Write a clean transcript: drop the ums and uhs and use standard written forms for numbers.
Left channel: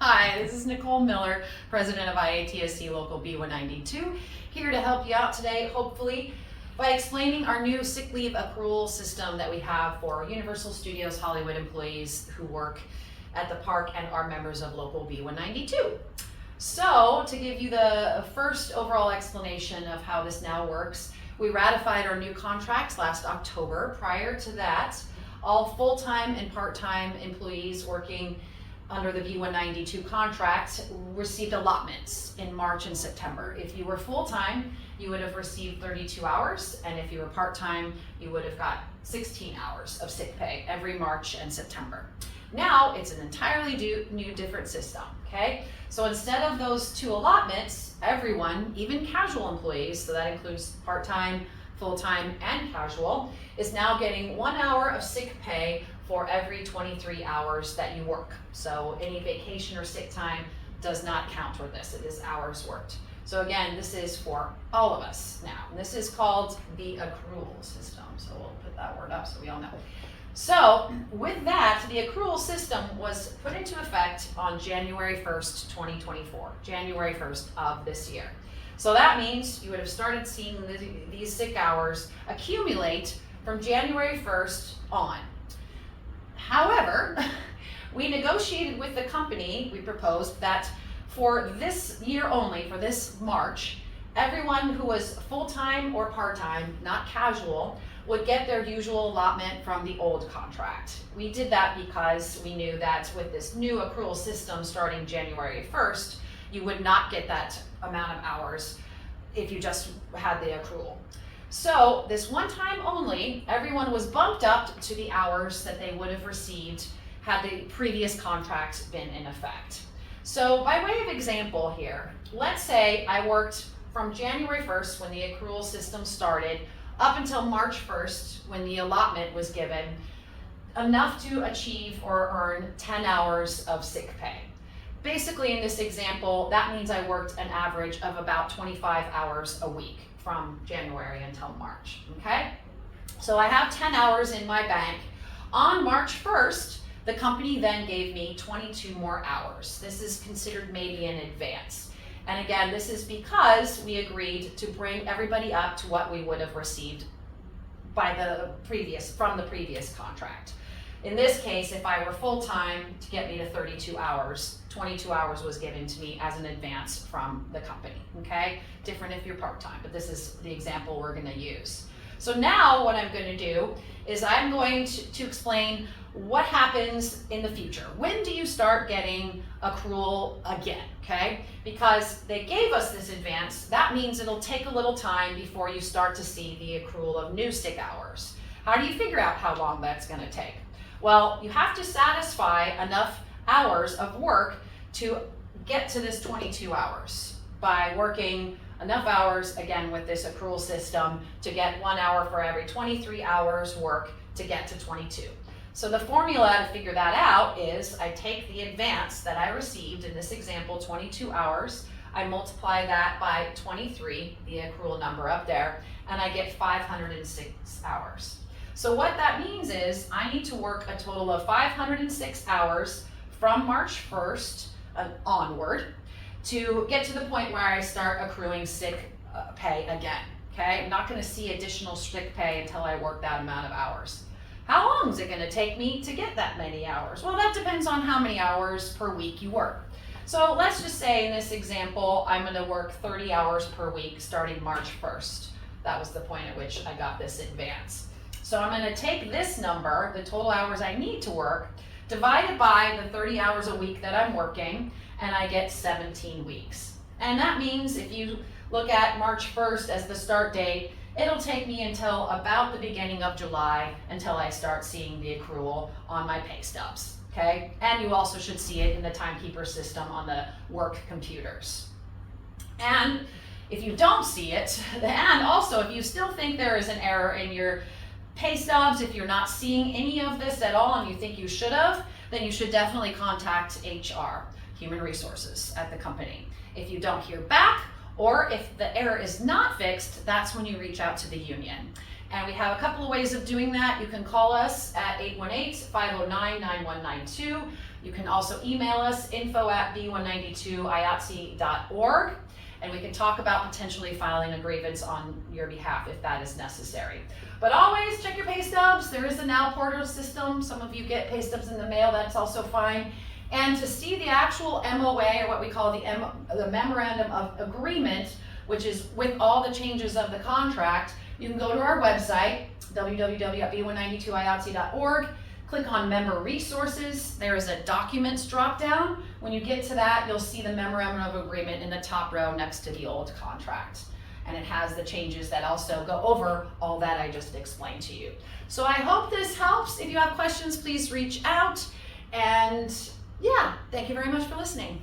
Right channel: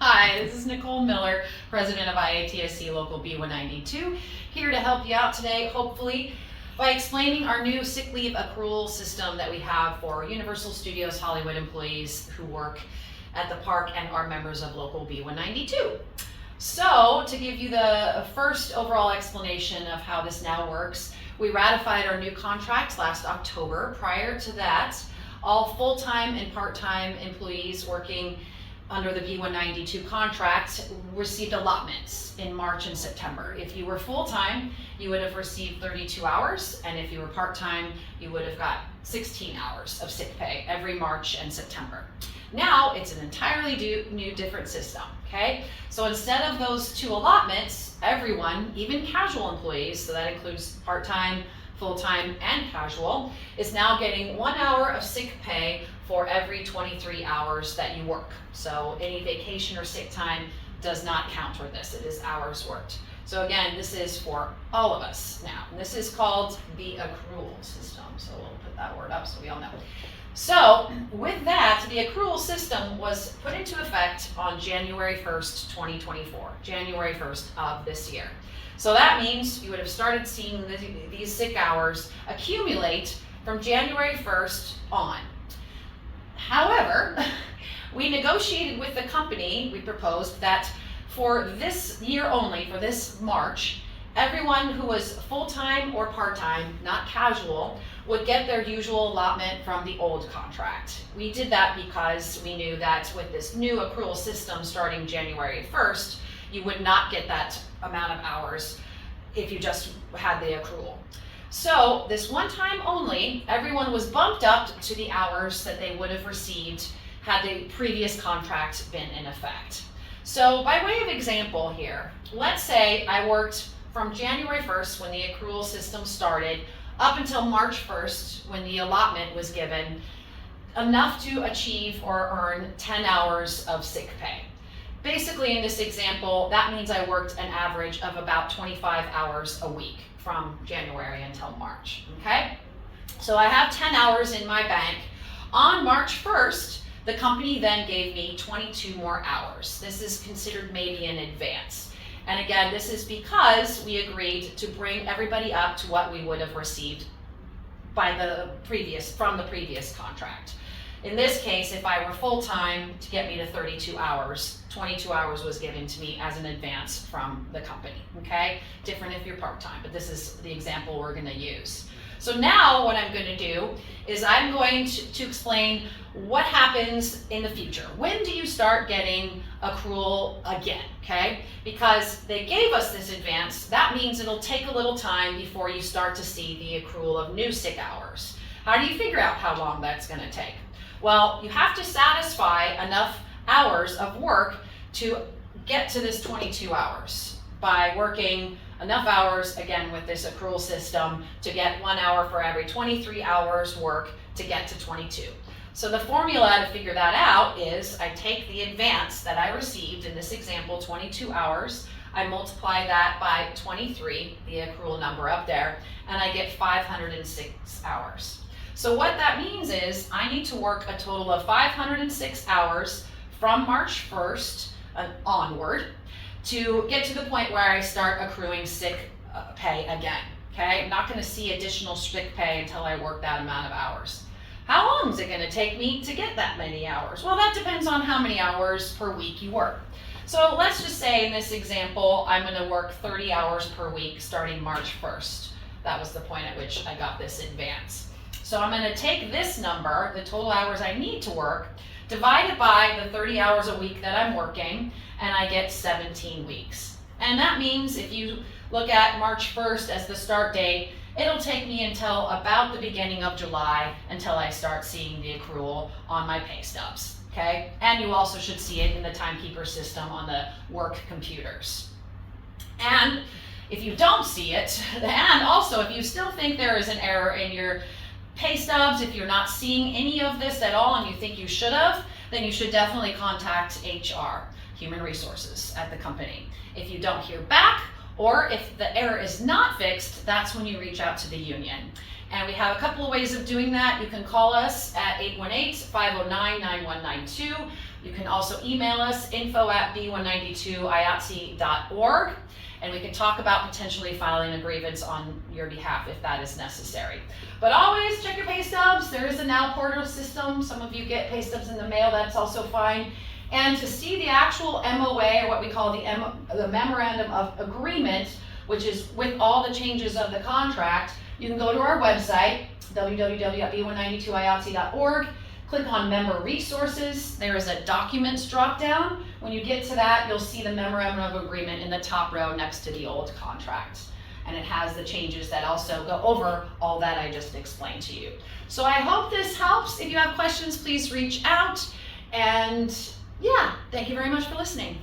Hi, this is Nicole Miller, President of I.A.T.S.E Local B192, here to help you out today, hopefully, by explaining our new sick leave accrual system that we have for Universal Studios Hollywood employees who work at the park and are members of Local B192. So, to give you the first overall explanation of how this now works, we ratified our new contracts last October. Prior to that, all full-time and part-time employees working under the B192 contract received allotments in March and September. If you were full-time, you would have received 32 hours, and if you were part-time, you would have got 16 hours of sick pay every March and September. Now, it's an entirely new different system, okay? So instead of those two allotments, everyone, even casual employees, so that includes part-time, full-time, and casual, is now getting 1 hour of sick pay for every 23 hours that you work. So any vacation or sick time does not count toward this. It is hours worked. So again, this is for all of us now. And this is called the accrual system. So we'll put that word up so we all know. So with that, the accrual system was put into effect on January 1st, 2024, January 1st of this year. So that means you would have started seeing these sick hours accumulate from January 1st on. However, we negotiated with the company, we proposed that for this year only, for this March, everyone who was full-time or part-time, not casual, would get their usual allotment from the old contract. We did that because we knew that with this new accrual system starting January 1st, you would not get that amount of hours if you just had the accrual. So this one time only, everyone was bumped up to the hours that they would have received had the previous contract been in effect. So by way of example here, let's say I worked from January 1st when the accrual system started up until March 1st when the allotment was given, enough to achieve or earn 10 hours of sick pay. Basically in this example, that means I worked an average of about 25 hours a week from January until March, okay? So I have 10 hours in my bank. On March 1st, the company then gave me 22 more hours. This is considered maybe in advance. And again, this is because we agreed to bring everybody up to what we would have received from the previous contract. In this case, if I were full-time, to get me to 32 hours, 22 hours was given to me as an advance from the company, okay? Different if you're part-time, but this is the example we're gonna use. So now what I'm gonna do is I'm going to explain what happens in the future. When do you start getting accrual again, okay? Because they gave us this advance, that means it'll take a little time before you start to see the accrual of new sick hours. How do you figure out how long that's gonna take? Well, you have to satisfy enough hours of work to get to this 22 hours by working enough hours, again, with this accrual system to get 1 hour for every 23 hours work to get to 22. So the formula to figure that out is I take the advance that I received, in this example, 22 hours, I multiply that by 23, the accrual number up there, and I get 506 hours. So what that means is I need to work a total of 506 hours from March 1st onward to get to the point where I start accruing sick pay again, okay? I'm not gonna see additional sick pay until I work that amount of hours. How long is it gonna take me to get that many hours? Well, that depends on how many hours per week you work. So let's just say in this example, I'm gonna work 30 hours per week starting March 1st. That was the point at which I got this advance. So I'm gonna take this number, the total hours I need to work, divide it by the 30 hours a week that I'm working, and I get 17 weeks. And that means if you look at March 1st as the start date, it'll take me until about the beginning of July until I start seeing the accrual on my pay stubs, okay? And you also should see it in the timekeeper system on the work computers. And if you don't see it, and also if you still think there is an error in your pay stubs, if you're not seeing any of this at all and you think you should have, then you should definitely contact HR, Human Resources at the company. If you don't hear back, or if the error is not fixed, that's when you reach out to the union. And we have a couple of ways of doing that. You can call us at 818-509-9192. You can also email us info@b192iatse.org, and we can talk about potentially filing a grievance on your behalf if that is necessary. But always check your pay stubs. There is a now portal system. Some of you get pay stubs in the mail, that's also fine. And to see the actual MOA, or what we call the Memorandum of Agreement, which is with all the changes of the contract, you can go to our website, www.b192iatse.org. Click on Member Resources. There is a Documents drop-down. When you get to that, you'll see the Memorandum of Agreement in the top row next to the old contract. And it has the changes that also go over all that I just explained to you. So I hope this helps. If you have questions, please reach out. And yeah, thank you very much for listening.